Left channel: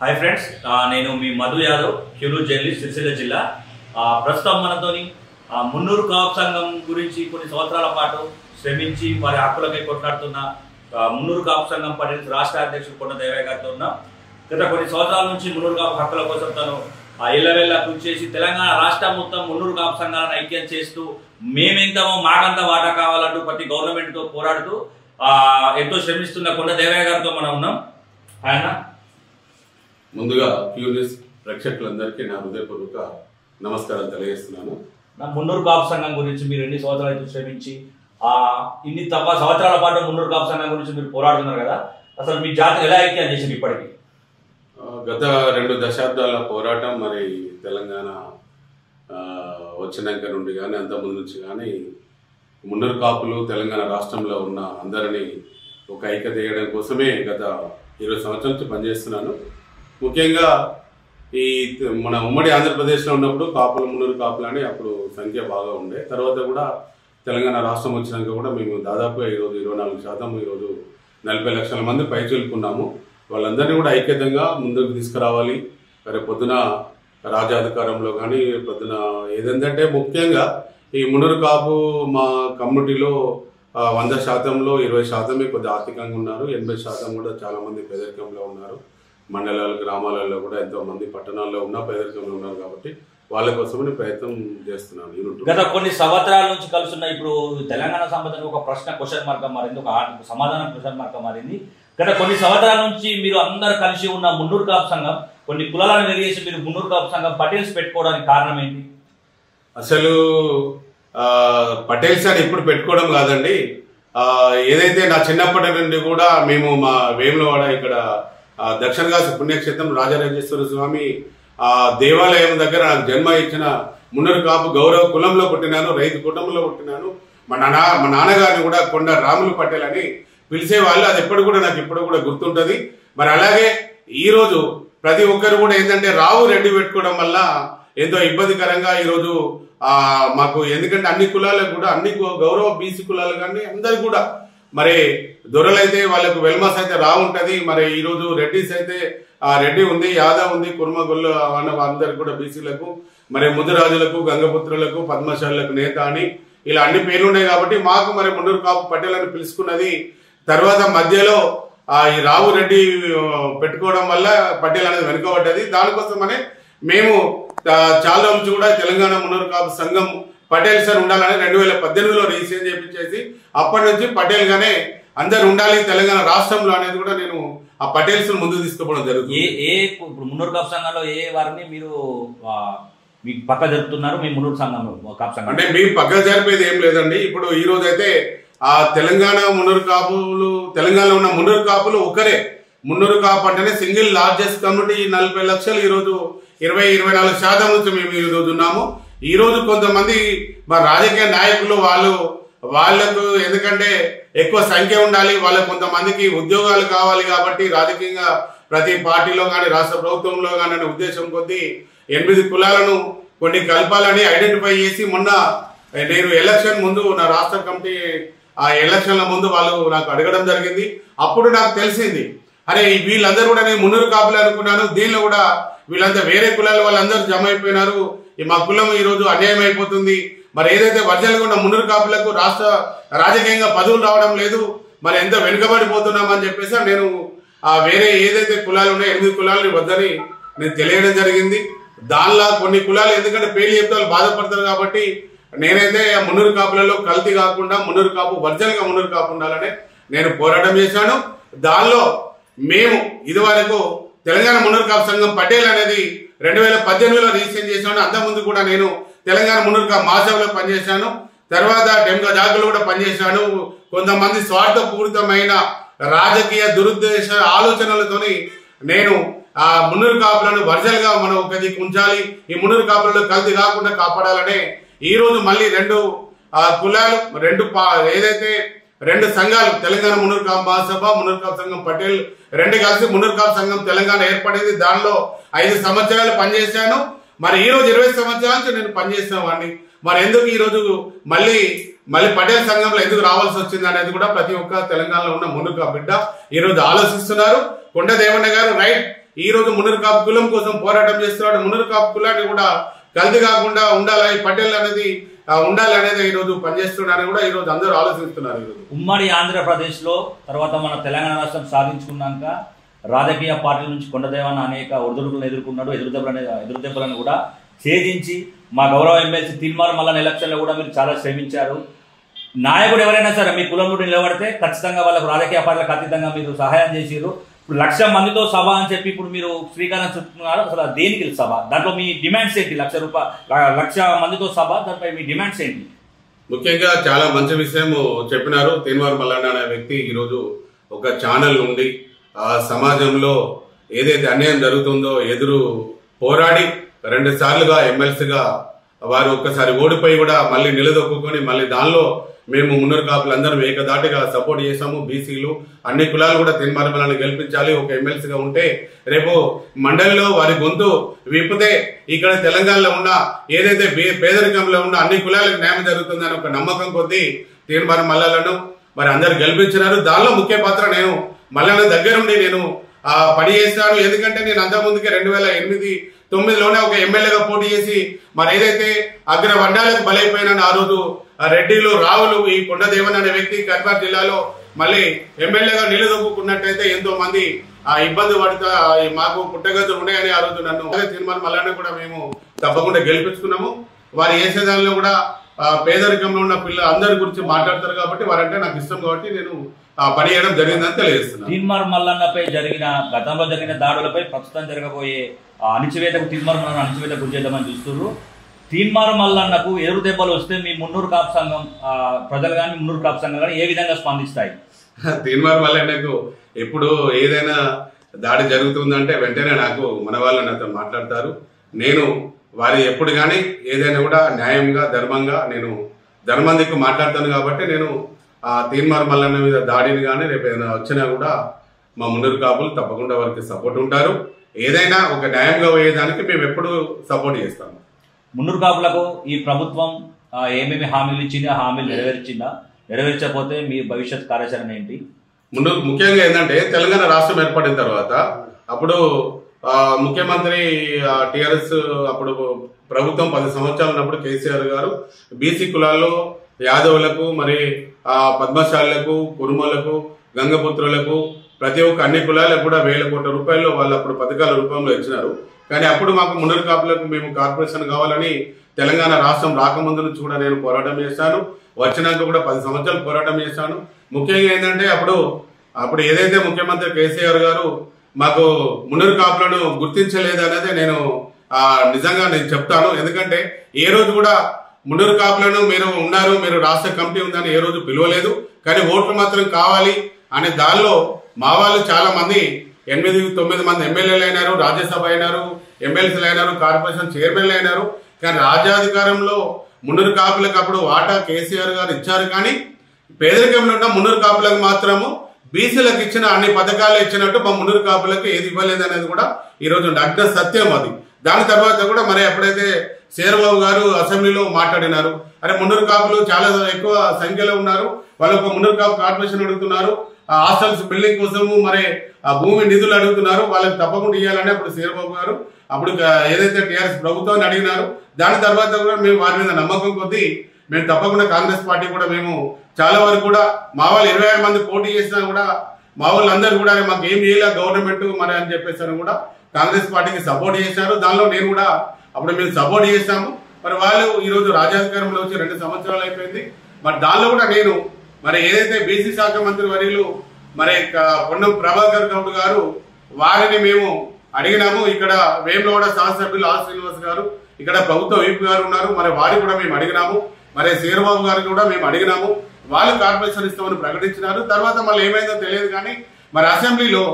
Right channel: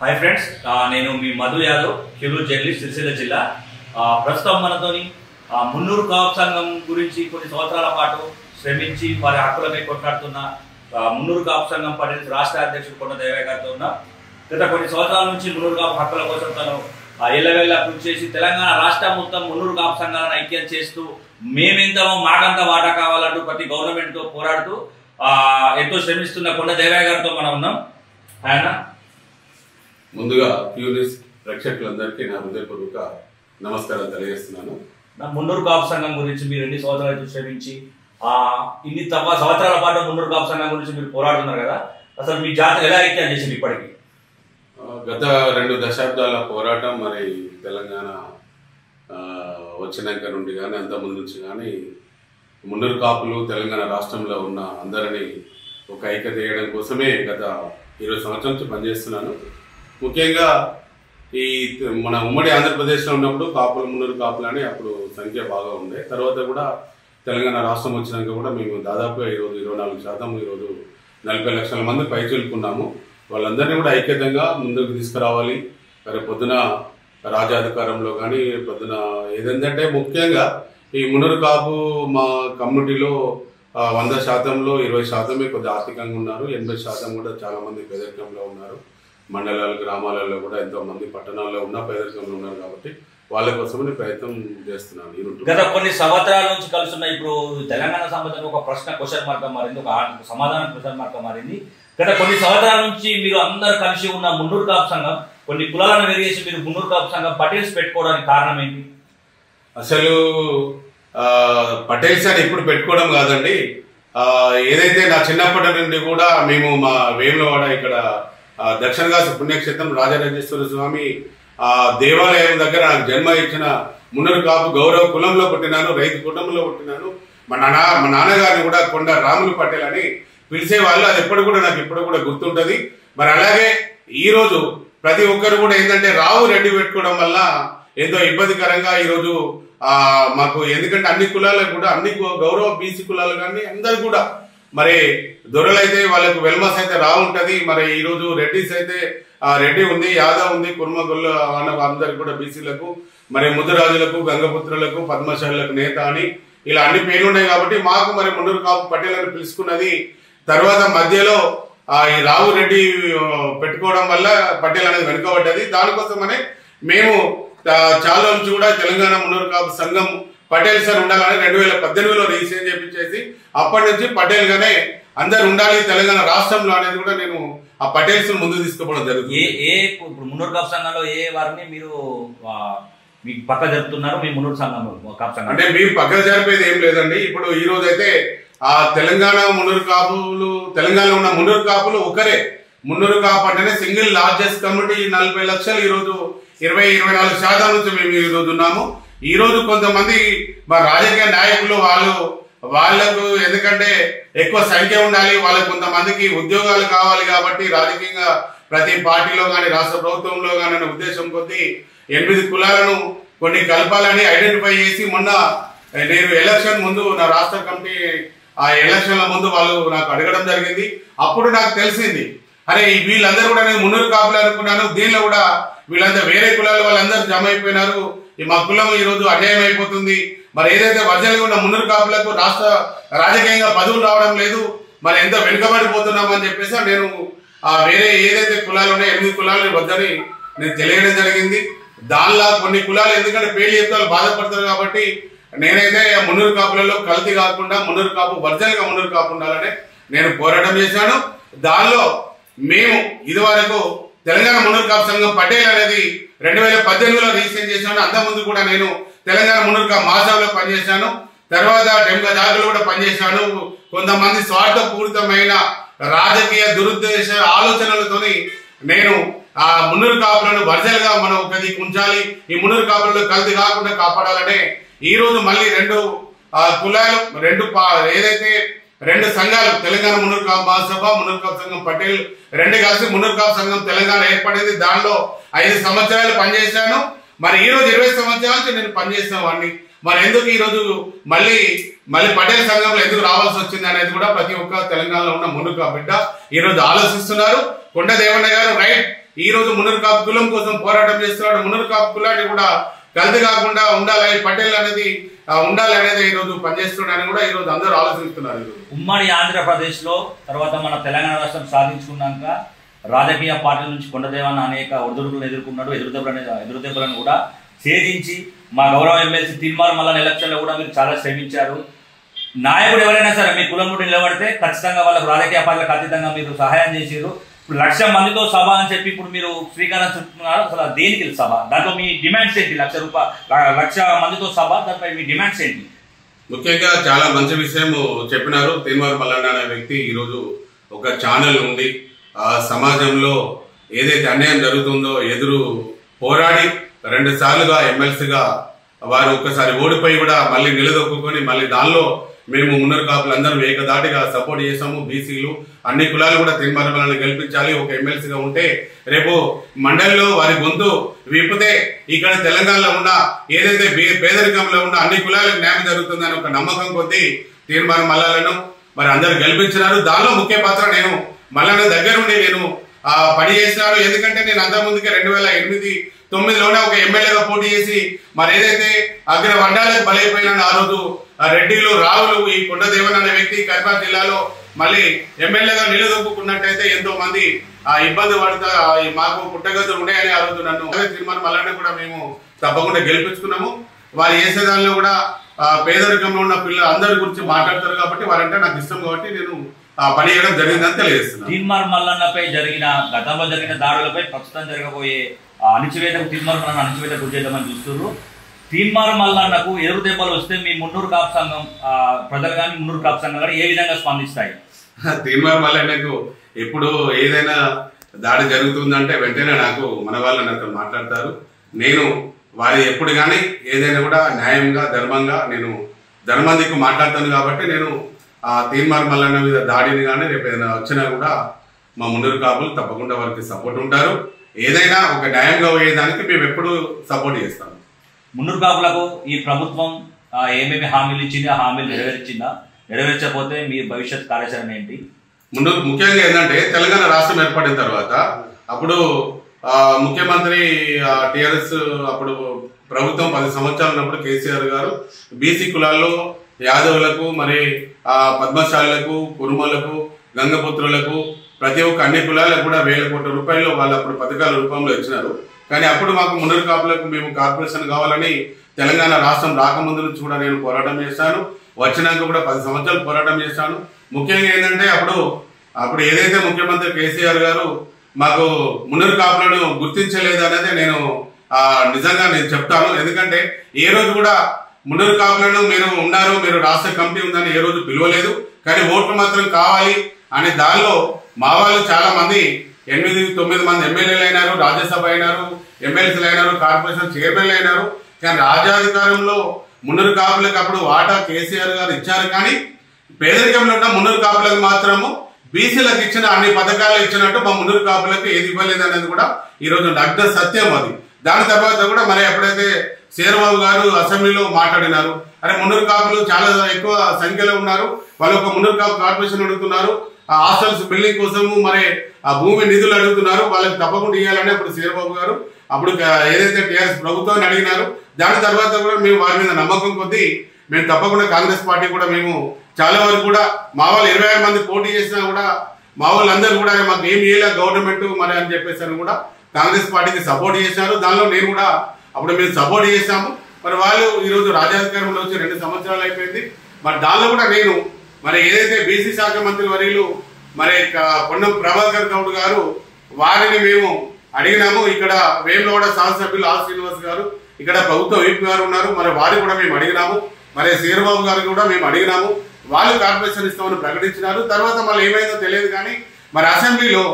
Hi friends నేను మీ Madhu Yadav క్యూలు journalist Sircilla జిల్లా ప్రస్తుతం మనతోని మున్నూరు కాపు సంఘం గురించి కొన్ని సంవత్సరాల పాటు శ్రమించి వారి హక్కులకై కొట్లాడుతున్న మున్నూరు కాపు సంఘం పటేల్స్ రాష్ట్ర అధ్యక్షుడు కొండ దేవయ్య గారితో ఉన్నాం. గత కొన్ని సంవత్సరాల నుంచి మున్నూరు కాపు హక్కుల కోసం తను ఎల్లవెల్ల కృషి చేసి తెలంగాణ రాష్ట్రం మొత్తం మున్నూరు కాపు సంఘాలను ఐక్యం చేస్తూ మేమెంతమో మాకంత వాటా కావాలంటూ ప్రతి గవర్నమెంట్తో పోరాడుతూ ఎంతో శ్రమిస్తున్న కొండ దేవయ్య గారితో మనం ఉన్నాం. ఆయన ముందుగా క్యూరియస్ ప్రేక్షకులందరికీ నా హృదయపూర్వక నమస్కారం తెలియజేస్తున్నాను. మున్నూరు కాపు సంఘం గురించి మీరు ఎన్ని సంవత్సరాలు శ్రమించి ఇన్ని సంవత్సరాల పాటు మున్నూరు కాపు సంఘం గురించి మీరు పోరాడుతున్నారు కదా, అసలు మీ జాతర ఎలా ఐక్యం చేసింది ఇప్పటికి? గత 2 దశాబ్దాల పోరాటం మరి తెలంగాణ వచ్చినాక నుండి కానీ అంత ముందు నుంచి కానీ మున్నూరు కాపులు తెలంగాణ రాష్ట్రంలో ఉన్న అందరినీ ఒక ఐక్యత చేయడం కోసమే గత 20 సంవత్సరాల నుంచి పనిచేస్తున్నాను. ముఖ్యంగా ఈ మన ఉమ్మడి ఆంధ్రప్రదేశ్లో ఉన్నప్పుడు కాపులు మున్నూరు కాపులు అని అప్పుడు సంఖ్య బాగా ఉండే. తర్వాత కూడా తెలంగాణ రాష్ట్రం వచ్చినాక కూడా మేము దాదాపుగా ఈరోజు 24% ఈరోజు 40 లక్షల మంది పైచులుకున్నాము. వాళ్ళందరినీ కూడా ఐక్యతంగా ముందుకు తీసుకురావాలి. మరి పొద్దున రాజ్యాధికారంలో కానీ పొద్దున ఏదంటే ముఖ్యంగా ఈ మున్నూరు కాపు మా కమ్యూనిటీలో 100%లో 20% కొద్దిగా ఆర్థికంగా ఉన్నారు. 80% కూడా చాలా మంది పేదరికంలో ఉన్నారు. మండలాలు గ్రామాలలో కూడా ఎంతో మంది పట్టణాల్లో ఉన్న పేదరికంలో ఉన్నారు. కాబట్టి వాళ్ళ కోసమని ప్రయత్నం చేస్తున్నాను. గత కొన్ని సంవత్సరాల నుంచి కలుస్తున్న ఇప్పుడు తెలంగాణ సంబంధించిన ఒక ప్రశ్న క్వశ్చన్ మార్క్ మారింది, ఒక సమాధానం క్వశ్చన్ మార్క్ మారింది. గత కొన్ని సంవత్సరాల నుంచి మీరు అందరు కలిసి ఉన్న మున్నూరు కాపు సంఘం కొన్ని కులాలను వెరిగేసి మీరు మున్నూరు కాపు సంఘం పటేల్స్ పెట్టుకోవడానికి కారణం ఏంటి? అసలు పటేల్స్ అని ఇప్పుడు పెట్టుకోవడం కాదండి. ఏదైతే నా చిన్నప్పటి నుండి కూడా మేము మా వేములవాడ ఇక్కడ దక్షిణ కాశీ పుణ్యక్షేత్రం రాజరాజేశ్వర స్వామి దేవాలయం దగ్గర నాకు జన్మ ఇచ్చిన మున్నూరు కాపు గౌరవ కులంలో పుట్టినాను, రైతు కుటుంబంలో పుట్టినాను. మా నాన్నగారిని కూడా కొండ రాములు పటేల్ అని పిలిచేవాళ్ళు. అది ఎప్పుడు కూడా నాకు ఇప్పుడు కూడా గుర్తుంటుంది. మరి అలాగే ఈరోజు ప్రతి ఒక్కరు కూడా ఏంటంటే రావు రెడ్డి పెట్టుకోవడం వల్ల ఎంతో ఇబ్బందికరంగా ఈరోజు మాకు, ఎందుకంటే అన్ని కులాలకు కూడా అన్ని గౌరవ బీసీ కులాలు కానీ అందరు కూడా మరి దొరలైతే వాళ్ళకు వెల్మస్ అయితే రావు ఉంటుంది. మరి ఈరోజు రెడ్డిస్ అయితే రెడ్డి ఉంది, యాదవ్ ఉంది, కుర్మ గొల్ల అందరికి కూడా బీసీలకు మరి ముద్దురాజులకు గంగపుత్రులకు పద్మశాలకు నేత అని ఇలా అన్ని పేర్లు ఉన్నాయి. కాబట్టి మాకు మరి మున్నూరు కాపు పటేల్ అని పిలుచుకున్నది. తర్వాత మధ్యలో ఈ రావు రెడ్డి పెట్టుకోవడం వల్ల పటేల్ అనేది వెనుకబడ్డది. దానికోసమనే మేము చాలా నుంచి కూడా తెలంగాణ మున్నూరు కాపు సంఘం పటేల్ సార్ ఉండాలని 2018లో రిజిస్ట్రేషన్ చేయించేసి అప్పటి నుంచి పటేల్ గానే అందరు ఉండాలి తెలంగాణ రాష్ట్రంలో అనేది కూడా నేను ఆ పటేల్స్ ముందుకు తీసుకుపోవడం జరుగుతుంది. ఇప్పుడు మున్నూరు కాపు సంఘంలో ఏ వారిని మీరు మీ పక్క జరుపుతున్నారు? మీ మున్నూరు సంఘంలో కాపు సంఘం అంటే మీ పక్క జరిపేది ఏం లేదండి. ఇప్పుడు ఈ రోజు అయితే ఆ తెలంగాణ మున్నూరు కాపులు, తెలంగాణలో ఉన్న మున్నూరు కాపులు ఒకరే. మున్నూరు కాపు అంటేనే సింగిల్ లార్జెస్ట్ కమ్యూనిటీ. 40 లక్షలు ఈరోజు 24% నుంచి మేము ఈ రోజు ఉన్నాము. ఈ రోజు కొంతమంది మా రాజకీయ నాయకులు వాళ్ళకు ఎందుకంటే ఎక్కువ సంఖ్య ఉండాలి, వాళ్ళకు కొంతమందికి ఉద్యోగాలు కావాలి కాబట్టి రాజకీయంగా ప్రతి పార్టీలో కానీ రాష్ట్ర ప్రభుత్వంలో కానీ అనే ఉద్దేశం కొద్దీ 8 కులాలను కొన్ని కలపాలని ఐడెంటిఫై చేసి మొన్న నేను ఎలక్షన్ ముందు నా రాష్ట్ర కమిటీ ఆ ఎలక్షన్ల ముందు వాళ్ళు నాకు అడగడం జరిగింది. అప్పుడు నాకు తెలిసింది, అరే వీళ్ళందరూ కూడా నేను మున్నూరు కాపులు అనుకున్నాను, దీనిలో కూడా వీళ్ళంతా వేరే కులాల వాళ్ళందరూ జమ అయిపోయినారు, మా కులం ఈ రోజు అన్యాయం అయిపోతుంది. మరి ఏదైతే వర్జనగా ఉన్న మున్నూరు కాపులకు రాష్ట్ర రాజకీయంగా పదవులు రావడం లేదు, మరి ఎంత వెనుకబడిపోతున్నామని చెప్పేసి నేను వేరే ఏదైతే కులాలు ఉన్నాయో 8 కులాలు వద్దని నేను తెలియడం జరిగింది. దానిలో కొన్ని కులాలు ఎందుకంటే పేర్లు చెప్తే వాళ్ళు బాధపడతారు కాబట్టి నేనైతే మున్నూరు కాపులలో కల్తీ కాకుండా మున్నూరు కాపు వర్జనగా మున్నూరు కాపు ఉండాలని నేను పోరాటం చేశాను. దానిలో మేము ఇదివరకు తెలంగాణ మున్నూరు కాపు సంఘం పటేల్ అనేది 2018లో రిజిస్ట్రేషన్ చేశాను. అంతకుముందు కూడా నేను తెలంగాణ మున్నూరు కాపు మహాసభలో పనిచేశాను. తర్వాత డెంగా జాగులు కూడా పనిచేశాను. కొంతమంది స్వార్థపూరితమైన రాజకీయ దురుద్దేశ ఆలోచనలతోని నేను ఆ మున్నూరు కాపులను వర్జల్గా మనం ఒకది ఉంచాలి, ఈ మున్నూరు కాపులలో కల్తీ కాకుండా కాపాడాలనే ఈ రోజు మళ్ళీ 2 కులాలు ఏదైతే 2 సంఘాలు తెలంగాణ మున్నూరు కాపు మహాసభ మున్నూరు కాపు సంఘం పటేల్ 2 కలిసి మున్నూరు కాపు సంఘం తెలంగాణ ఏర్పడేది. దానిలో 5 సంవత్సరాలు పనిచేశాను. మరి ఈ రోజు 20 సంవత్సరాల నుంచి నేను పనిచేసిన వాడిని. మరి ఎందుకు ఈ రోజు మళ్ళీ పటేల్ సంఘంలో ఎందుకు రావాల్సి వచ్చింది అనేది కూడా ప్రతి ఒక్క తెలంగాణలో ఉన్న మున్నూరు కాపు బిడ్డ ఈ రోజు ఆలోచిస్తున్నారు. కొండ దేవన్న గారు రైట్ ఈ రోజు మున్నూరు కాపు కులం కోసం పోరాటం చేస్తున్నాడు. మున్నూరు కాపు కులాన్ని కూడా కల్తీ కాకుండా ఉండాలని పటేల్ అనేది ఉండాలనేది ఈ రోజు పనిచేస్తున్నాడని కూడా ఈ రోజు అందరూ ఆలోచిస్తున్నారు. ఉమ్మడి ఆంధ్రప్రదేశ్ లో తర్వాత మన తెలంగాణ రాష్ట్రం సాధించుకున్నాక రాజకీయ పార్టీల నుంచి కొండదేవన్న అనేక ఒడిదుడుకులను ఎదుర్కొన్నాడు. ఎదురుదెబ్బలను కూడా ఛేదించి మా గౌరవ ఎమ్మెల్సీ తీన్మార్ మల్లన్న ఎలక్షన్లో కూడా మీరు చాలా శ్రమించారు. నాయకుడు ఎవరైనా సరే మీ కులం నుండి నిలబడితే ఖచ్చితంగా వాళ్ళకు రాజకీయ పార్టీలకు అతీతంగా మీరు సహాయం చేసారు. ఇప్పుడు 1,00,000 మందితో సభ అని చెప్పి ఇప్పుడు మీరు శ్రీకారం చుట్టుకున్నారు. అసలు దేనికి సభ, దాంట్లో మీ డిమాండ్స్ ఏంటి? 1,00,000 మందితో సభ, దాంట్లో మీ డిమాండ్స్ ఏంటి? ముఖ్యంగా చాలా మంచి విషయం చెప్పినారు. తీన్మార్ మల్లన్న అనే వ్యక్తి ఈరోజు ఒక ఛానల్ ఉంది సమాజంలో ఏదైతే అన్యాయం జరుగుతుందో ఎదురు పోరాడి 2 సార్లుగా ఎమ్మెల్సీగా వారు ఒక్కసారి ఓడిపోయి కూడా మళ్ళీ నిలదొక్కుని మళ్ళీ దానిలో మేము మున్నూరు కాపులందరం ఏకదాటిగా సపోర్ట్ చేసాము. బీసీలు అన్ని కులాలు కూడా తీన్మార్ మల్లన్నని గెలిపించాలి. ఒక ఎమ్మెల్సీగా ఉంటే రేపు మండలిలో వారి గొంతు విప్పితే ఇక్కడ తెలంగాణలో ఉన్న ఏదైతే పేదరికంలో ఉన్న అన్ని కులాలకు న్యాయం జరుగుతుందని ఒక నమ్మకం కొద్దీ తీన్మార్ మల్లన్నను మరి అందరు గెలిపించినారు. దానిలో ముఖ్య పాత్ర నేను మల్లన్న దగ్గరుండి నేను పని చేసినాను. ఎందుకంటే నేను అంతకుముందుకే 2008-9లోనే ఒక ఎమ్మెల్యేగా పోటీ చేసి మరి ఏదైతే అగ్ర వర్ణాలకు బలైపోయినా ఆ రోజు రెడ్డిలు రావులు ఈ కొండదేవన్ అనే వ్యక్తి కరీంనగర్ జిల్లాలో మళ్ళీ ఎమ్మెల్యేగా నిలదొక్కున్నట్టయితే ఎంతో మంది ఇబ్బంది పడతా మాకు పుట్టగతులు ఉన్నాయని ఆ రోజు నన్ను తీన్మార్ మల్లన్న కూడా మేము తప్పకుండా గెలిపించుకున్నాము. వారు చేసే దానిలో కూడా పేదరికంలో ఉన్న పిల్లలు అందరి గురించి మాట్లాడతారు కాబట్టి వారంటే నాకు ఇష్టం కాబట్టి నేను పని చేయడం జరిగిందని తెలియజేస్తున్నాను. తీన్మార్ మల్లన్నపై గతంలో జరిగిన దాడులపై ప్రస్తుతం జరగబోయే అణిచివేతకు తీన్మార్ మల్లన్న అణిచివేతకు గురి చేద్దామని చూస్తున్నారు. తీన్మార్ మల్లన్నకు ఎదురు దెబ్బలు వస్తే మీ మున్నూరు కాపు సంఘం ప్రజలు కానీ మున్నూరు కాపు సంఘం కానీ ఏ విధంగా స్పందిస్తాయి? తీన్మార్ మల్లన్నకు ఎప్పుడు ఏదైనా దాడి జరుగుతుందంటే వెంటనే నాకు మన వాళ్ళు నాతో మాట్లాడతారు. నేను వారి ఎప్పుడు కానీ ఏదైనా కూడా న్యాయంగా ధర్మంగా నేను ధర్మందికి మాట్లాడతాను కాబట్టి నేను తీన్మార్ మల్లన్న మీద దాడిని కానీ రేపు ఏదైనా వచ్చినా కూడా మా మున్నూరు కాపులు తప్పకుండా వారికి సపోర్ట్ ఉంటారు. ఏదైనా ఒక న్యాయంగా పోయేదానికి మేము ఎప్పుడు సపోర్ట్ చేస్తాము. మున్నూరు కాపులకు ఈ ప్రభుత్వం ఏమేమి హామీలు ఇచ్చింది, ఆ హామీలు నెరవేర్చిందా? నెరవేర్చకపోతే మీ భవిష్యత్ కార్యాచరణ ఏంటి? ముఖ్యంగా ఏంటంటే తెలంగాణ రాష్ట్రం ఏర్పడిన తర్వాత అప్పుడు ముఖ్యమంత్రి టిఆర్ఎస్ అప్పుడు ప్రభుత్వం 10 సంవత్సరాలు ఉన్నప్పుడు కేసీఆర్ గారు బీసీ కులాల్లో యాదవులకు మరి పద్మశాలకు కురుమలకు గంగపుత్రులకు ప్రతి ఒక్క అన్ని కులాలకు కూడా 1,000 కోట్ల రూపాయలు వాళ్ళు అప్పుడు పథకాల రూపంలో ఇచ్చినారు. కానీ అప్పుడు మాకు మున్నూరు కాపులకు మేము కార్పొరేషన్ కావాలని తెలంగాణ రాష్ట్రం రాకముందు నుంచి కూడా నేను పోరాటం చేశాను. వచ్చినాక కూడా 10 సంవత్సరాలు పోరాటం చేశాను. ముఖ్యంగా ఏంటంటే అప్పుడు ఏదైతే ముఖ్యమంత్రి కేసీఆర్ గారు మాకు మున్నూరు కాపులను గుర్తించలేదు అనేది నేను నిజంగా నేను చెప్తాను. ఎందుకంటే ఏ రోజు కూడా మున్నూరు కాపులను మీరు రాష్ట్ర కమిటీ ఉందని ఏ రోజు పిలవలేదు. కానీ ఓట్లు మాత్రం కావాలి అనే దానిలో మా వాళ్ళు చాలా మంది 8-9 మంది ఎమ్మెల్యేలు అయినారు, రాజ్యసభ అయినారు, ఎమ్మెల్సీలు అయినారు, కార్పొరేషన్ చైర్మన్లు అయినారు. కానీ రాజ్యాధికారంలో మున్నూరు కాపులకు అప్పుడు వాటా కేసీఆర్ గారు ఇచ్చారు. కానీ పేదరికంలో ఉన్న మున్నూరు కాపులకు మాత్రము బీసీలకు ఇచ్చిన అన్ని పథకాలు ఇచ్చినట్టు మా మున్నూరు కాపులకు ఏది ఇవ్వలేదు అనేది కూడా ఈరోజు నగ్న సత్యం అది. దాని తర్వాత కూడా మరి ఎప్పుడైతే శేర్బాబు గారు అసెంబ్లీలో మాట్లాడినారు, అరే మున్నూరు కాపులు చాలా ఎక్కువ సంఖ్యలో ఉన్నారు, వాళ్ళు ఒక మున్నూరు కాపు కార్పొరేషన్ అడుగుతున్నారు, ఆ హాస్టల్స్ బిల్డింగ్ కోసము మరి ఆ భూమి నిధులు అడుగుతున్నారు, వాళ్ళకి తప్పకుండా ఇవ్వాలని అప్పుడు శేర్బాబు గారు అప్పుడు ఏదైతే టీఆర్ఎస్ ప్రభుత్వాన్ని అడిగినారు. దాని తర్వాత కూడా మేము వారి మీద నమ్మకం కొద్దీ మేము తప్పకుండా కాంగ్రెస్ పార్టీ కూడా మేము చాలా వరకు కూడా మా వాళ్ళు 26 మంది పోటీ చేసినా కూడా మా వాళ్ళందరూ కూడా మాకు ఏం చేయలే గవర్నమెంట్ మరి అని చెప్పేసి కూడా కాంగ్రెస్ పార్టీకి సపోర్ట్ చేశారు. దానిలో నేను కూడా అప్పుడు మేము సపోర్ట్ చేశాము. మరి వాళ్ళు ఈరోజు రాజ్యాధికారంలో వచ్చి 2 సంవత్సరాలు అయిపోయింది. మరి దానిలో కూడా నేను మరి ఏదైతే బీసీ శాఖ మంత్రి వర్యులు మరి పొన్నం ప్రభాకర్ గౌడ్ గారు వారిని మేము అడిగినాము. ఇక్కడ వేములవాడ శాసనసభ్యులు ఆర్ శ్రీనివాస్ గారు, ఇక్కడ ప్రభుత్వ వీపీ గారు ఉన్నారు, మరి వారిని కూడా మేము అడిగినాము. మరి శేర్బాబు గారికి కూడా మేము అడిగినాము. వాళ్ళు కార్పొరేషన్ ఇస్తామని ప్రకటించినారు. తర్వాత మళ్ళీ ఏమైందో తెలియదు. కానీ మరి అసెంబ్లీలో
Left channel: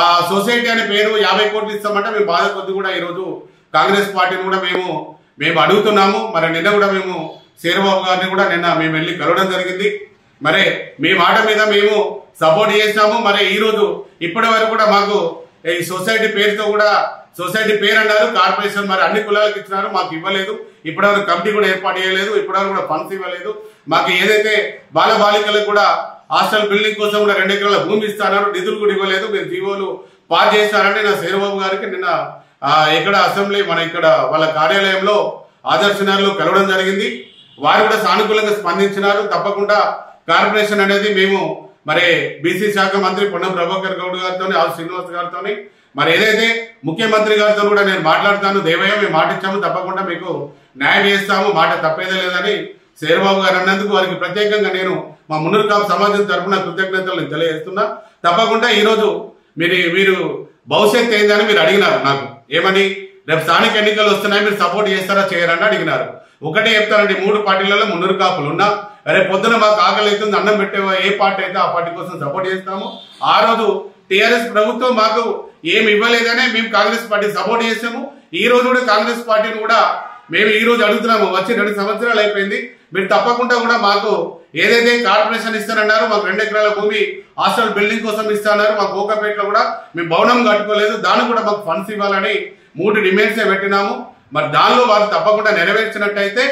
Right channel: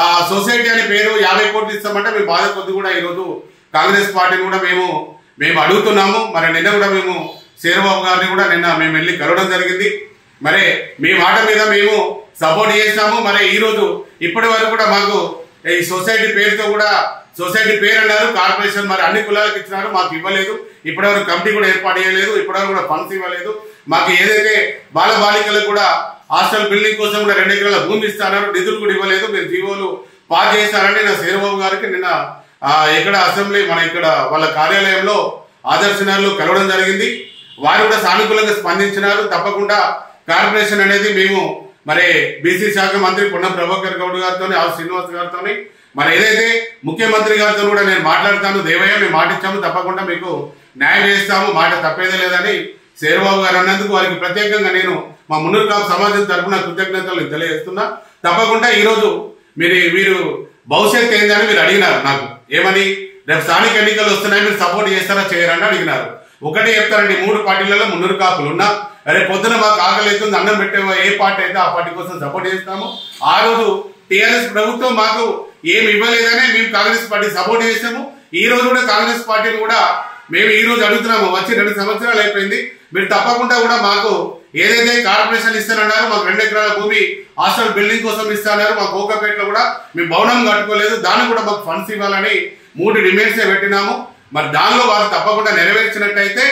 ఆ సొసైటీ అనే పేరు 50 కోట్లు ఇస్తామంటే మేము బాధ కొద్ది కూడా ఈరోజు కాంగ్రెస్ పార్టీని కూడా మేము అడుగుతున్నాము. మరి నిన్న కూడా మేము శేర్బాబు గారిని కూడా మేము వెళ్ళి కలవడం జరిగింది. మరి మీ మాట మీద మేము సపోర్ట్ చేసినాము. మరి ఈరోజు ఇప్పటి వరకు కూడా మాకు ఈ సొసైటీ పేరుతో కూడా సొసైటీ పేరు అన్నారు, కార్పొరేషన్ మరి అన్ని కులాలకు ఇచ్చినారు, మాకు ఇవ్వలేదు. ఇప్పటివరకు కమిటీ కూడా ఏర్పాటు చేయలేదు, ఇప్పటివరకు కూడా ఫండ్స్ ఇవ్వలేదు. మాకు ఏదైతే బాలబాలికలకు కూడా హాస్టల్ బిల్డింగ్ కోసం కూడా 2 ఎకరాల భూమి ఇస్తున్నారు, నిధులు కూడా ఇవ్వలేదు. మీరు జీవోలు పాస్ చేస్తారని నా శేరబాబు గారికి నిన్న ఇక్కడ అసెంబ్లీ మన ఇక్కడ వాళ్ళ కార్యాలయంలో ఆదర్శనగర్లో కలవడం జరిగింది. వారు కూడా సానుకూలంగా స్పందించినారు. తప్పకుండా కార్పొరేషన్ అనేది మేము మరి బీసీ శాఖ మంత్రి పొన్నం ప్రభాకర్ గౌడ్ గారితో ఆర్ శ్రీనివాస్ గారితో మరి ఏదైతే ముఖ్యమంత్రి గారితో కూడా నేను మాట్లాడతాను, దేవయ్య మేము మాట ఇచ్చాము, తప్పకుండా మీకు న్యాయం చేస్తాము, మాట తప్పేదే లేదని శేరబాబు గారు అన్నందుకు వారికి ప్రత్యేకంగా నేను మా మున్నూరు కాపు సమాజం తరఫున కృతజ్ఞతలు తెలియజేస్తున్నా. తప్పకుండా ఈరోజు మీరు భవిష్యత్తు ఏందని మీరు అడిగినారు నాకు, ఏమని రేపు స్థానిక ఎన్నికలు వస్తున్నాయి మీరు సపోర్ట్ చేస్తారా చేయరని అడిగినారు. ఒకటే చెప్తారండి, 3 పార్టీలలో మున్నూరు కాపులు ఉన్నా, రేపు పొద్దున మాకు ఆకలి అవుతుంది అన్నం పెట్టే ఏ పార్టీ అయితే ఆ పార్టీ కోసం సపోర్ట్ చేస్తాము. ఆ రోజు టీఆర్ఎస్ ప్రభుత్వం మాకు ఏమి ఇవ్వలేదనే మేము కాంగ్రెస్ పార్టీ సపోర్ట్ చేసాము. ఈ రోజు కూడా కాంగ్రెస్ పార్టీని కూడా మేము ఈ రోజు అడుగుతున్నాము, వచ్చి 2 సంవత్సరాలు అయిపోయింది, మీరు తప్పకుండా కూడా మాకు ఏదైతే కార్పొరేషన్ ఇస్తానన్నారు, మాకు 2 ఎకరాల భూమి హాస్టల్ బిల్డింగ్ కోసం ఇస్తానన్నారు, మాకు కోకాపేటలో కూడా మేము భవనం కట్టుకోలేదు, దానికి కూడా మాకు ఫండ్స్ ఇవ్వాలని 3 డిమాండ్సే పెట్టినాము. మరి దానిలో వాళ్ళు తప్పకుండా నెరవేర్చినట్టయితే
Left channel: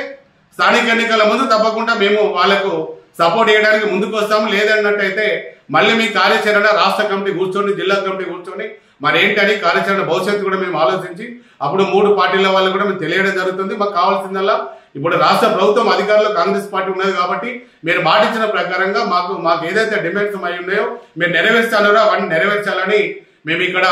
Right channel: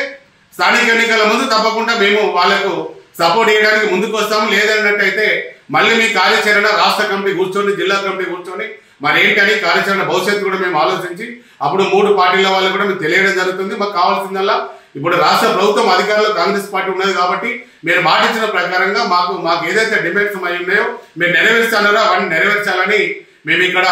స్థానిక ఎన్నికల ముందు తప్పకుండా మేము వాళ్ళకు సపోర్ట్ చేయడానికి ముందుకు వస్తాము. లేదన్నట్టయితే మళ్ళీ మీ కార్యాచరణ రాష్ట్ర కమిటీ కూర్చొని జిల్లా కమిటీ కూర్చొని మరి ఏంటని కార్యాచరణ భవిష్యత్తు కూడా మేము ఆలోచించి అప్పుడు 3 పార్టీల వాళ్ళు కూడా మేము తెలియడం జరుగుతుంది. మాకు కావాల్సిందల్లా ఇప్పుడు రాష్ట్ర ప్రభుత్వం అధికారంలో కాంగ్రెస్ పార్టీ ఉన్నది కాబట్టి మీరు మాటించిన ప్రకారంగా మాకు ఏదైతే డిమాండ్స్ అయి ఉన్నాయో మీరు నెరవేర్చాలో అవన్నీ నెరవేర్చాలని మేము ఇక్కడ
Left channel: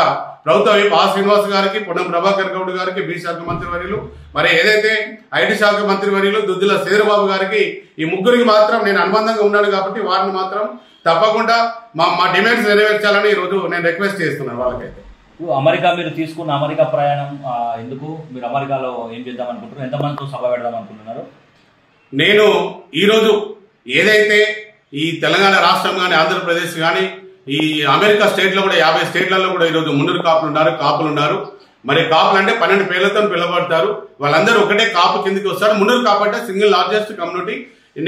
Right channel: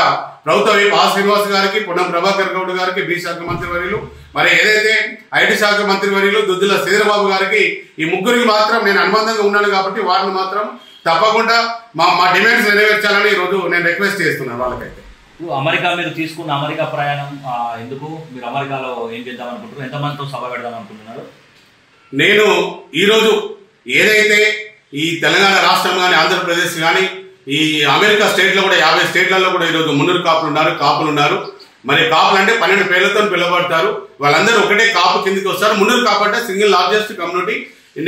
ప్రభుత్వ వైపు ఆర్ శ్రీనివాస్ గారికి, పొన్నం ప్రభాకర్ గౌడ్ గారికి, బీ శాఖ మంత్రి వర్యులు, మరి ఏదైతే ఐటీ శాఖ మంత్రి వర్యులు దుద్దుల శేరబాబు గారికి, ఈ ముగ్గురికి మాత్రం నేను అనుబంధంగా ఉన్నాను కాబట్టి వారిని మాత్రం తప్పకుండా మా డిమాండ్స్ నెరవేర్చాలని ఈరోజు నేను రిక్వెస్ట్ చేస్తున్నాను వాళ్ళకైతే. అమెరికా మీరు తీసుకున్న అమెరికా ప్రయాణం ఎందుకు, మీరు అమెరికాలో ఏం చేద్దాం అనుకుంటున్నారు, ఎంతమందితో సభ పెడదాం అనుకుంటున్నారు? నేను ఈరోజు ఏదైతే ఈ తెలంగాణ రాష్ట్రం కానీ ఆంధ్రప్రదేశ్ కానీ ఈ అమెరికా స్టేట్లో కూడా 50 స్టేట్లలో కూడా ఈరోజు మున్నూరు కాపులు ఉన్నారు. మరి కాపులు అంటే 12 పేర్లతో పిలువబడతారు. వాళ్ళందరూ ఒకటే కాపు కిందికి వస్తారు. మున్నూరు కాపు అంటే సింగిల్ లార్జెస్ట్ కమ్యూనిటీ.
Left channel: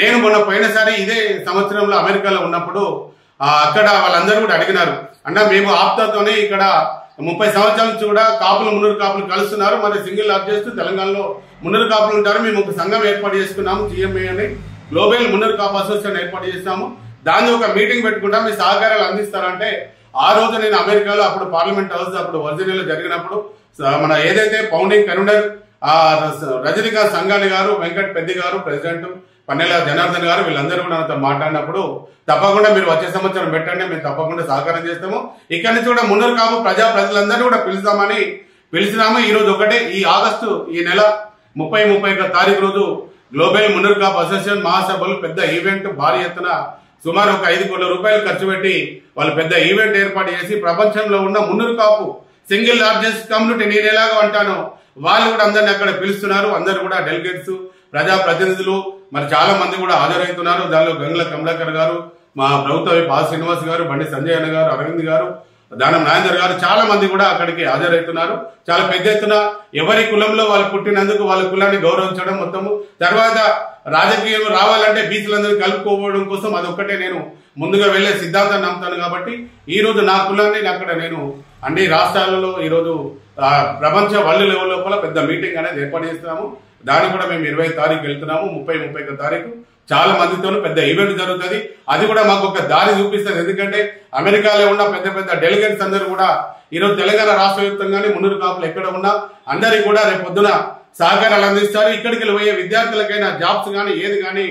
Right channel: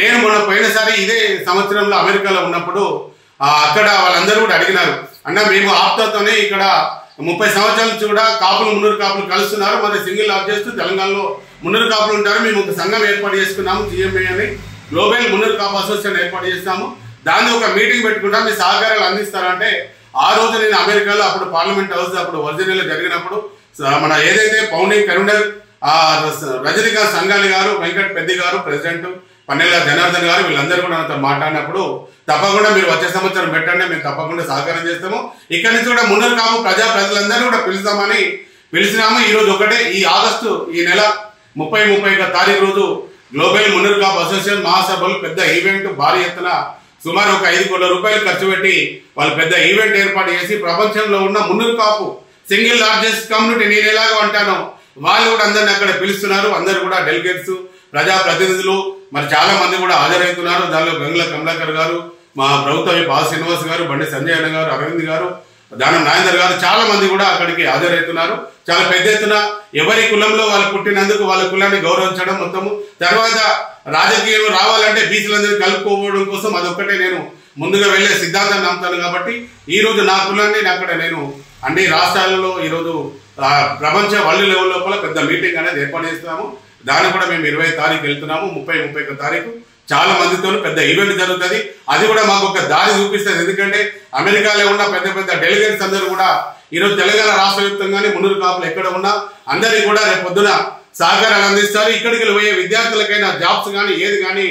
నేను మొన్న పోయినసారి ఇదే సంవత్సరంలో అమెరికాలో ఉన్నప్పుడు అక్కడ వాళ్ళందరూ కూడా అడిగినారు, అంటే మేము ఆప్తాతోనే ఇక్కడ 30 సంవత్సరాల నుంచి కూడా మున్నూరు కాపులు కలుస్తున్నారు, మరి సింగిల్ లార్జెస్ట్ తెలంగాణలో మున్నూరు కాపులు ఉంటారు, మేము ఒక సంఘం ఏర్పాటు చేసుకున్నాము, జిఎంఏ అని గ్లోబల్ మున్నూరు కాపు అసోసియేషన్ ఏర్పాటు చేస్తాము, దాన్ని ఒక మీటింగ్ పెట్టుకుంటాం, మీ సహకారాలు అందిస్తారంటే ఆ రోజు నేను అమెరికాలో అప్పుడు పార్లమెంట్ హౌస్ అప్పుడు వర్జీనియాలో జరిగినప్పుడు మన ఏదైతే ఫౌండింగ్ కన్వీనర్ రజనీకాంత్ సంఘాలి గారు, వెంకట్ పెద్ది గారు, ప్రెసిడెంట్ పన్నెల జనార్దన్ గారు వీళ్ళందరూ కూడా నాతో మాట్లాడినప్పుడు తప్పకుండా మీరు వచ్చే సంవత్సరం పెట్టండి, మేము తప్పకుండా సహకారం చేస్తాము, ఇక్కడి నుంచి కూడా మున్నూరు కాపు ప్రజలందరూ కూడా పిలిచినాము. ఈ రోజు ఒకటే ఈ ఆగస్టు ఈ నెల 30-31 తారీఖు రోజు గ్లోబల్ మున్నూరు కాపు అసోసియేషన్ మహాసభలు పెద్ద ఈవెంట్ భారీ ఎత్తున సుమారు ఒక 5 కోట్ల రూపాయలు ఖర్చు పెట్టి వాళ్ళు పెద్ద ఈవెంట్ ఏర్పాటు చేసి ప్రపంచంలో ఉన్న Munnuru Kapu single largest community నేను ఎలాగో అంటానో వాళ్ళు కూడా అందరిని అక్కడ పిలుస్తున్నారు. అందరు కూడా డెలిగేట్స్, ప్రజాప్రతినిధులు మరి చాలా మంది కూడా హాజరవుతున్నారు. దానిలో గంగుల కమలాకర్ గారు, మా ప్రభుత్వ వైపు ఆర్ శ్రీనివాస్ గారు, బండి సంజయ్ అన్న గారు, అరవింద్ గారు, దానం నాగేందర్ గారు చాలా మంది కూడా అక్కడికి హాజరవుతున్నారు. చాలా పెద్ద ఎత్తున ఎవరి కులంలో వాళ్ళు పుట్టినందుకు వాళ్ళ కులాన్ని గౌరవించడం మొత్తము. తర్వాత రాజకీయం రావాలంటే బీసీలందరినీ కలుపుకోవడం కోసం అదొక్కటే నేను ముందుగా వెళ్లే సిద్ధాంతాన్ని నమ్ముతాను. కాబట్టి ఈ రోజు నా కులాన్ని అక్కడ నేను అన్ని రాష్ట్రాలలో ఈరోజు ప్రపంచ వరల్డ్ లెవెల్ లోపల పెద్ద మీటింగ్ అనేది ఏర్పాటు చేస్తున్నాము. దాన్ని కూడా మేము 20 తారీఖు వెళ్తున్నాము. 30-31 తారీఖు చాలా మందితో పెద్ద ఈవెంట్ జరుగుతుంది. అది కూడా మాకు ఒక దారి చూపిస్తుంది. ఎందుకంటే అమెరికాలో ఉన్న పెద్ద డెలిగేట్స్ అందరూ కూడా ఈరోజు తెలంగాణ రాష్ట్ర వ్యాప్తంగానే మున్నూరు కాపులు ఎక్కడ ఉన్నా అందరికీ కూడా రేపు పొద్దున సహకారాలు అందిస్తారు. ఇక్కడికి పోయే విద్యార్థులకైనా జాబ్స్ కానీ ఏది కానీ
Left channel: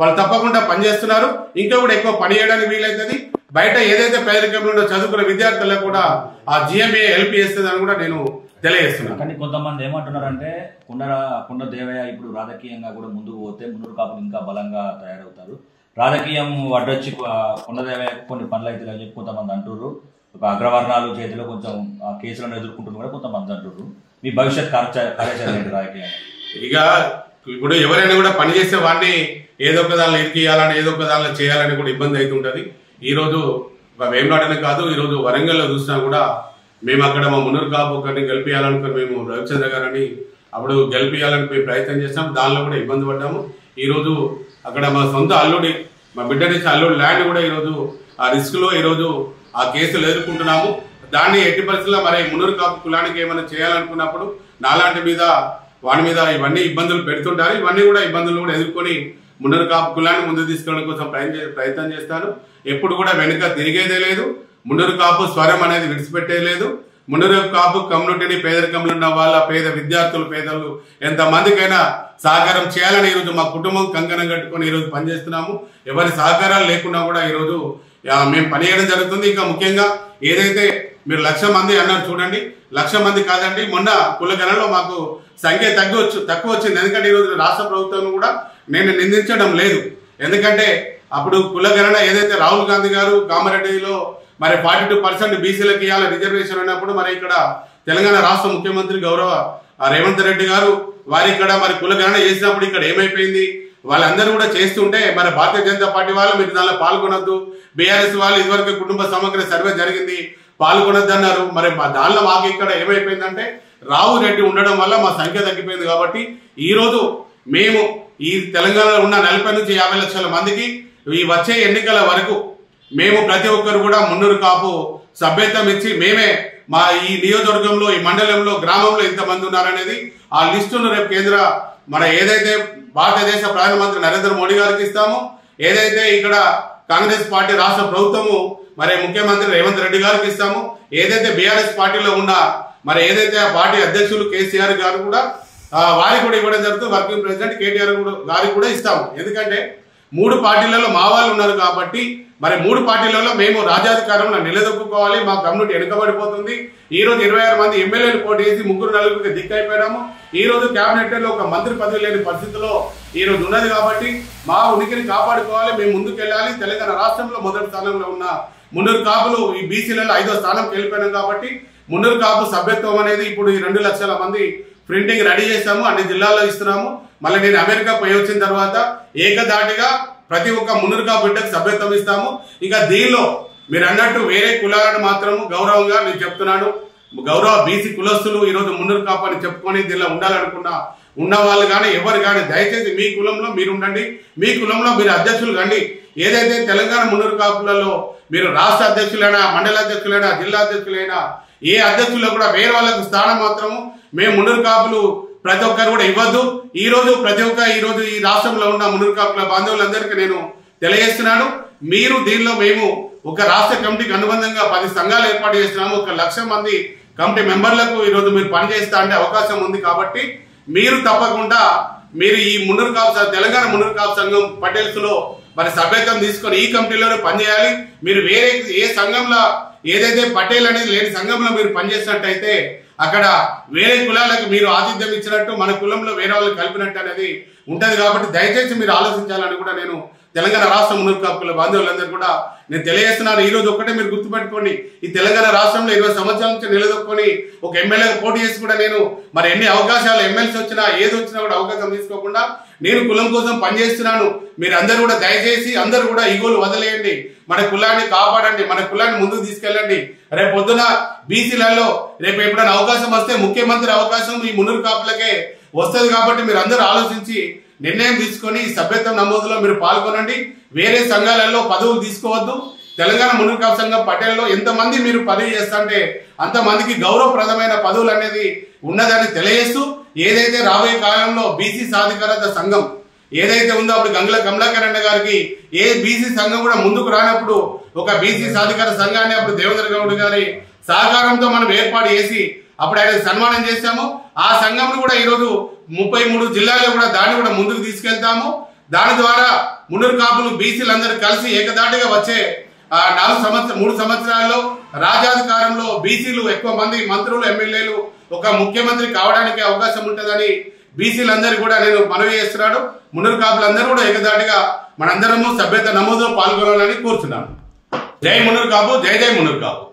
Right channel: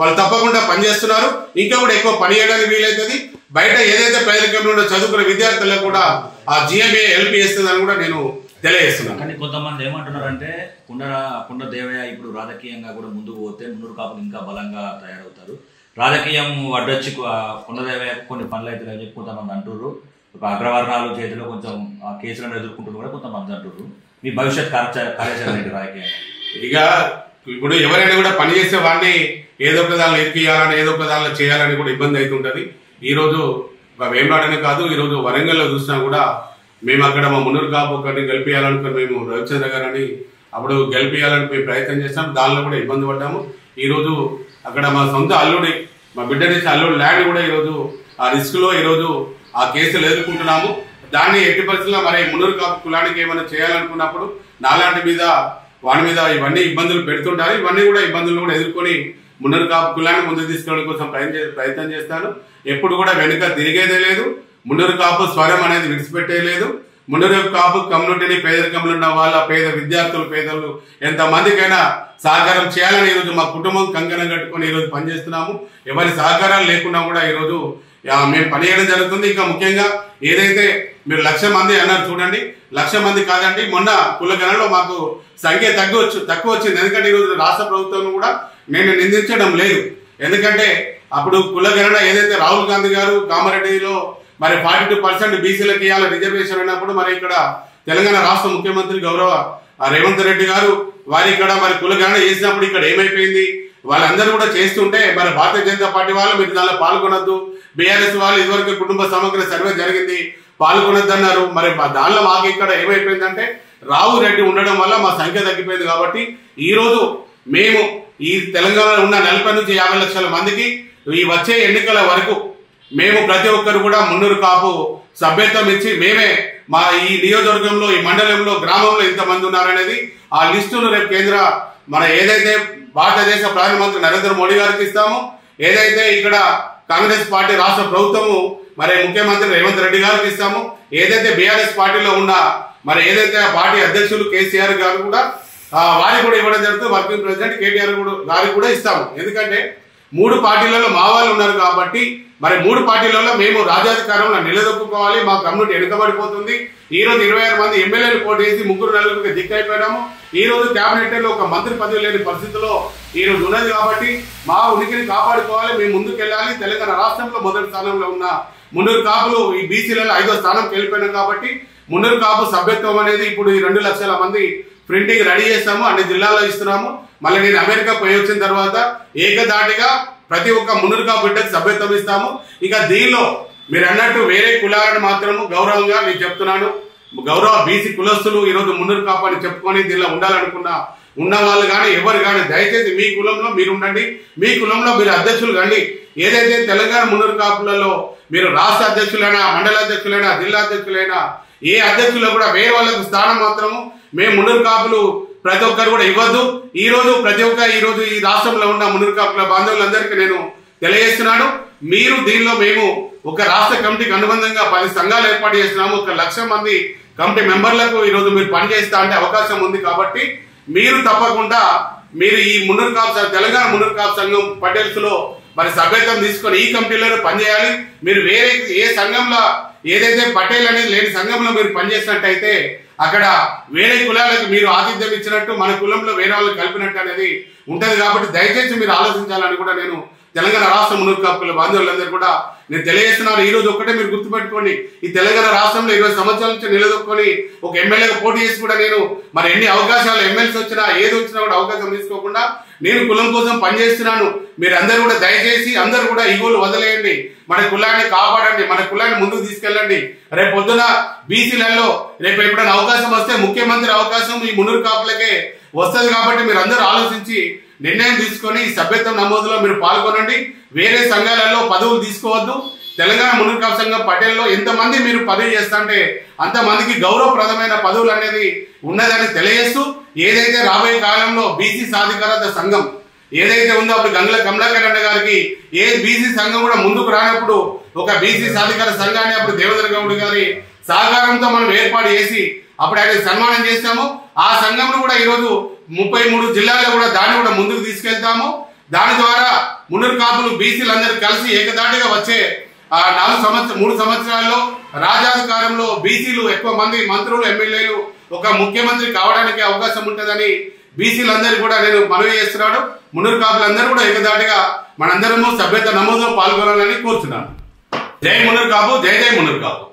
వాళ్ళు తప్పకుండా పనిచేస్తున్నారు. ఇంకా కూడా ఎక్కువ పని చేయడానికి వీలవుతుంది. బయట ఏదైతే పేదరికంలో చదువుకున్న విద్యార్థులకు కూడా ఆ జిఎంఏ హెల్ప్ చేస్తుందని కూడా నేను తెలియజేస్తున్నాను. కానీ కొంతమంది ఏమంటున్నారంటే కుండ దేవయ్య ఇప్పుడు రాజకీయంగా కూడా ముందుకు పోతే మున్నూరు కాపులు ఇంకా బలంగా తయారవుతారు, రాజకీయం అడ్డొచ్చి కుండ దేవయ్య కొన్ని పనులు అయితే అని చెప్పి కొంతమంది అంటున్నారు. అగ్రవర్ణాలు చేతిలో కొంచెం కేసులను ఎదుర్కొంటున్నారు కూడా కొంతమంది అంటున్నారు. మీ భవిష్యత్ కార్యాచరణ ఏంటి రాజకీయం? ఇక ఇప్పుడు ఎవరైనా కూడా పని చేసే వాడిని ఏదో ఒక దానిలో ఎక్కియాలని ఏదో ఒక దానిలో చేయాలని కూడా ఇబ్బంది అవుతుంటది. ఈ రోజు వేమనాడనే కాదు, ఈ రోజు వరంగల్లో చూసినా కూడా మేము అక్కడ మా మున్నూరు కాపు ఒకరిని గెలిపియాలనుకుని మేము రవిచంద్ర గారని అప్పుడు గెలిపియాలని మేము ప్రయత్నం చేస్తాం. దానిలో కూడా ఇబ్బంది పడ్డాము. ఈ రోజు అక్కడ మా సొంత అల్లుడి, మా బిడ్డ నుంచి అల్లుడి ల్యాండ్ కూడా ఈరోజు ఆ రిస్క్ లో ఈరోజు ఆ కేసులు ఎదుర్కొంటున్నాము. దాన్ని ఎట్టి పరిస్థితుల్లో మరి మున్నూరు కాపు కులానికి ఏమైనా చేయాలనుకున్నప్పుడు నాలాంటి మీద వాని మీద ఇవన్నీ ఇబ్బందులు పెడుతుంటారు. ఇవన్నీ కూడా ఇబ్బందులు కూడా ఎదుర్కొని మున్నూరు కాపు కులాన్ని ముందుకు తీసుకెళ్ళడం కోసం ప్రయత్నం చేస్తాను. ఎప్పుడు కూడా వెనుక తిరిగేదే లేదు. మున్నూరు కాపు స్వరం అనేది విడిచిపెట్టేయలేదు. మున్నూరు కాపు కమ్యూనిటీని పేదరికంలో ఉన్న వాళ్ళ పేద విద్యార్థులు పేదలు ఎంతమందికైనా సహకారం చేయాలని ఈరోజు మా కుటుంబం కంకణం కట్టుకొని ఈరోజు పనిచేస్తున్నాము. ఎవరి సహకారాలు లేకుండా కూడా ఈరోజు మేము పనిచేయడం జరుగుతుంది. ఇంకా ముఖ్యంగా ఏదైతే మీరు 1,00,000 మంది అన్నారు చూడండి, 1,00,000 మంది కాదండి, మొన్న కులగణలో మాకు సంఖ్య తక్కువ వచ్చింది. ఎందుకంటే ఈరోజు రాష్ట్ర ప్రభుత్వం కూడా నేను నిందించడం లేదు. ఎందుకంటే అప్పుడు కులగణన ఏదైతే రాహుల్ గాంధీ గారు కామారెడ్డిలో మరి 42% బీసీలకు ఇవ్వాలి రిజర్వేషన్ ఉన్నప్పుడు మరి ఇక్కడ తెలంగాణ రాష్ట్ర ముఖ్యమంత్రి గౌరవ రేవంత్ రెడ్డి గారు వారి ఇక్కడ మరి కులగణన చేసినప్పుడు ఇక్కడ ఏమైపోయింది, వాళ్ళందరూ కూడా చేస్తుంటే మరి భారతీయ జనతా పార్టీ వాళ్ళు మీరు దానిలో పాల్గొనొద్దు, బీఆర్ఎస్ వాళ్ళు ఇదివరకు కుటుంబ సమగ్ర సర్వే జరిగింది పాల్గొనొద్దు అన్నారు. మరి దానిలో మాకు ఇక్కడ ఏమైపోయిందంటే రావు రెడ్డి ఉండడం వల్ల మా సంఖ్య తగ్గిపోయింది. కాబట్టి ఈ రోజు మేము ఈ తెలంగాణలో ఉన్న 40 నుంచి 50 లక్షల మందికి ఈ వచ్చే ఎన్నికల వరకు మేము ప్రతి ఒక్కరు కూడా మున్నూరు కాపు సభ్యత్వం ఇచ్చి మేమే మా ఈ నియోజకవర్గంలో ఈ మండలంలో గ్రామంలో ఇంతమంది ఉన్నారనేది ఆ లిస్టును రేపు కేంద్ర మన ఏదైతే భారతదేశ ప్రధానమంత్రి నరేంద్ర మోడీ గారికి ఇస్తామో, ఏదైతే ఇక్కడ కాంగ్రెస్ పార్టీ రాష్ట్ర ప్రభుత్వము మరి ముఖ్యమంత్రి రేవంత్ రెడ్డి గారికి ఇస్తాము, ఏదైతే బీఆర్ఎస్ పార్టీలో ఉన్న మరి ఏదైతే ఆ పార్టీ అధ్యక్షులు కేసీఆర్ గారు కూడా వారికి కూడా ఇవ్వడం జరుగుతుంది. వర్కింగ్ ప్రెసిడెంట్ కేటీఆర్ గారికి కూడా ఇస్తాము. ఎందుకంటే 3 పార్టీలలో మా వాళ్ళు ఉన్నారు కాబట్టి మరి 3 పార్టీలలో మేము రాజ్యాధికారంలో నిలదొక్కుకోవాలి. మా కమ్యూనిటీ వెనుకబడిపోతుంది. ఈ రోజు 26 మంది ఎమ్మెల్యేలు పోటీ చేసి 3-4 దిక్కైపోయినాము. ఈ రోజు కేబినెట్ లో ఒక మంత్రి పదవి లేని పరిస్థితిలో ఈ రోజు ఉన్నది. కాబట్టి మా ఉనికిని కాపాడుకోవాలి, మేము ముందుకెళ్ళాలి. తెలంగాణ రాష్ట్రంలో మొదటి స్థానంలో ఉన్న మున్నూరు కాపులు ఈ బీసీలలో 5వ స్థానంకి వెళ్ళిపోయినాం. కాబట్టి మున్నూరు కాపు సభ్యత్వం అనేది ఇప్పుడు ఈ 2 లక్షల మంది ప్రింటింగ్ రెడీ చేస్తాము, అన్ని జిల్లాల్లో ఇస్తున్నాము. మళ్ళీ నేను అమెరికా పోయి వచ్చిన తర్వాత ఏకదాటిగా ప్రతి ఒక్క మున్నూరు కాపు బిడ్డకు సభ్యత్వం ఇస్తాము. ఇక దీనిలో మీరు అన్నట్టు వేరే కులాలను మాత్రము గౌరవంగా నేను చెప్తున్నాను, గౌరవ బీసీ కులస్తులు ఈరోజు మున్నూరు కాపు అని చెప్పుకొని దీనిలో ఉండాలనుకున్నా ఉన్న వాళ్ళు కానీ ఎవరు కానీ దయచేసి మీ కులంలో మీరు ఉండండి, మీ కులంలో మీరు అధ్యక్షులు కండి. ఏదైతే తెలంగాణ మున్నూరు కాపులలో మీరు రాష్ట్ర అధ్యక్షులైనా మండల అధ్యక్షులైనా జిల్లా అధ్యక్షులైనా ఏ అధ్యక్షుల్లో కూడా వేరే వాళ్ళకు స్థానం మాత్రము మేము మున్నూరు కాపులు ప్రతి ఒక్కరు కూడా ఇవ్వద్దు. ఈ రోజు ప్రతి ఒక్క ఈ రోజు ఈ రాష్ట్రంలో ఉన్న మున్నూరు కాపుల బాంధవులందరికీ నేను తెలియజేస్తున్నాను, మీరు దీనిలో మేము ఒక రాష్ట్ర కమిటీకి అనుబంధంగా 10 సంఘాలు ఏర్పాటు చేస్తున్నాము. 1,00,000 మంది కమిటీ మెంబర్లకు ఈ రోజు మీరు పనిచేస్తా అంటే అవకాశం ఉంది. కాబట్టి మీరు తప్పకుండా మీరు ఈ మున్నూరు కాపు తెలంగాణ మున్నూరు కాపు సంఘం పటేల్స్ లో మరి సభ్యత్వం తీసుకొని ఈ కమిటీలోనే పనిచేయాలి. మీరు వేరే ఏ సంఘంలో ఏదైతే పటేల్ అనేది లేని సంఘంలో మీరు పనిచేసినట్టయితే అక్కడ వేరే కులాలకు మీరు ఆతిథ్యం ఇచ్చినట్టు మన కులంలో వేరే వాళ్ళకి కలిపినట్టు అనేది ఉంటది. కాబట్టి దయచేసి మీరు ఆలోచించాలని కూడా నేను తెలంగాణ రాష్ట్ర మున్నూరు కాపుల బాంధవులందరూ కూడా నేను తెలియజేస్తున్నాను. ఈ రోజు ఒక్కటే మీరు గుర్తుపెట్టుకోండి, ఈ తెలంగాణ రాష్ట్రంలో 20 సంవత్సరాల నుంచి నిలదొక్కుని ఒక ఎమ్మెల్యేగా పోటీ చేసి కూడా నేను మరి ఎన్ని అవకాశాలు ఎమ్మెల్సీ వచ్చినా ఏది వచ్చినా కూడా అవకాశం తీసుకోకుండా నేను కులం కోసం పనిచేస్తున్నాను. మీరు అందరూ కూడా దయచేసి అందరూ కూడా ఈగోలు వదిలేయండి, మన కులాన్ని కాపాడండి, మన కులాన్ని ముందుకు తీసుకెళ్ళండి. రేపు పొద్దున బీసీలలో రేపు ఎప్పుడైనా అవకాశం వస్తే ముఖ్యమంత్రి అవకాశం ఈ మున్నూరు కాపులకే వస్తుంది. కాబట్టి మీరు అందరూ ఆలోచించి నిర్ణయం తీసుకొని ఈ సభ్యత్వం నమోదులో మీరు పాల్గొనండి. వేరే సంఘాలలో పదవులు తీసుకోవద్దు. తెలంగాణ మున్నూరు కాపు సంఘం పటేల్లో ఎంతమంది మీరు పదవి చేస్తుంటే అంతమందికి గౌరవప్రదమైన పదవులు అనేది ఉన్నదని తెలియజేస్తూ ఏదైతే రాబోయే కాలంలో బీసీ సాధికారత సంఘం ఏదైతే ఉందో అప్పుడు గంగుల కమలాకర్ అన్న గారికి ఏ బీసీ సంఘం కూడా ముందుకు రానప్పుడు ఒక బీసీ సాధికార సంఘాన్ని అప్పుడు దేవేంద్ర గౌడ్ గారి సహకారంతో మనం ఏర్పాటు చేసి అప్పుడు ఆయన సన్మానం చేస్తాము. ఆ సంఘంను కూడా ఈరోజు 33 జిల్లాల్లో కూడా దాన్ని కూడా ముందుకు తీసుకెళ్తాము. దాని ద్వారా మున్నూరు కాపులు బీసీలందరూ కలిసి ఏకదాటిగా వచ్చే 3 సంవత్సరాల్లో రాజ్యాధికారంలో బీసీలు ఎక్కువ మంది మంత్రులు ఎమ్మెల్యేలు ఒక ముఖ్యమంత్రి కావడానికి అవకాశం ఉంటుందని బీసీలందరూ కూడా నేను మనవి చేస్తున్నాడు. మున్నూరు కాపులందరూ కూడా ఏకదాటిగా మనందరము సభ్యత నమోదులో పాల్గొనాలని కోరుతున్నాను. జై మున్నూరు కాపు, జై జై మున్నూరు కాపు.